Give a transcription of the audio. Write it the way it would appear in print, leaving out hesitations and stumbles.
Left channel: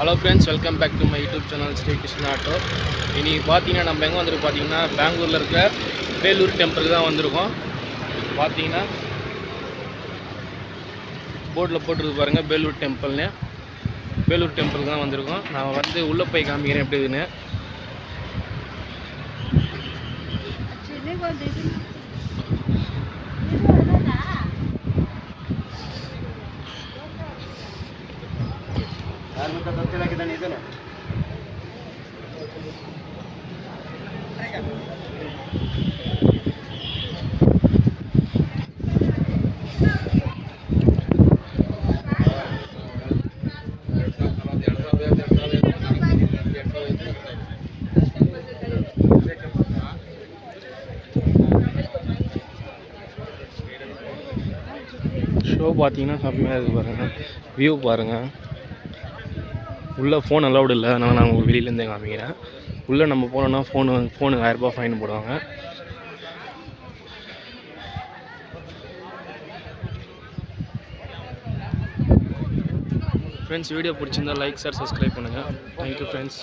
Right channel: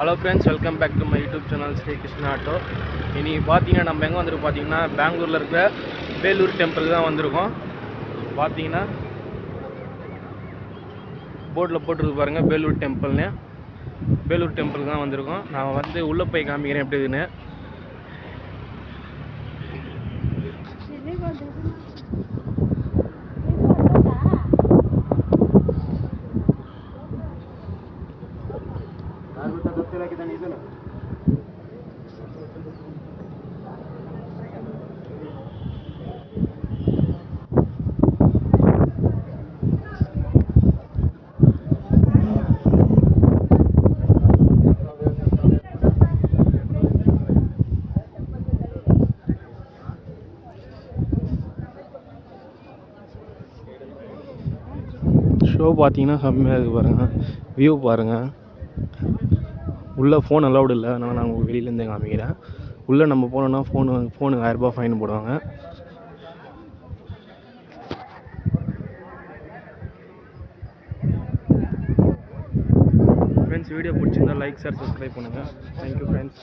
Hello friends, welcome back to my YouTube channel Sri Krishna auto. இன்றைக்கி பார்த்தீங்கன்னா நம்ம எங்கே வந்துருக்கு பார்த்தீங்கன்னா பெங்களூரில் இருக்கிற வேலூர் டெம்பிள் தான் வந்திருக்கோம். பார்த்தீங்கன்னா போர்டில் போட்டுருக்கு பாருங்கள், வேலூர் டெம்பிள்னு. வேலூர் டெம்பிள் தான் வந்திருக்கோம். நான் வந்து உள்ளே போய் காமிக்கிறேன் எப்படி இருக்குன்னு. ஷோ பார்த்தீங்கன்னா செம்மையாக இருக்குது பாருங்கள், வியூ பாருங்கள். உள்ளே ஃபோன் அலௌடு இல்லை, அதனால் நான் உங்களுக்கு வெளியிலேருந்தே காமிக்கிறேன். உள்ளே நம்ம போனோன்னா ஃபோனுக்கு 1000 ரூபா ஃபைன் போடுவாங்க. ஃப்ரெண்ட்ஸ், வீடியோ பிடிச்சிருந்தா லைக், ஷேர், சப்ஸ்கிரைப் பண்ணுங்கள். Thank you friends.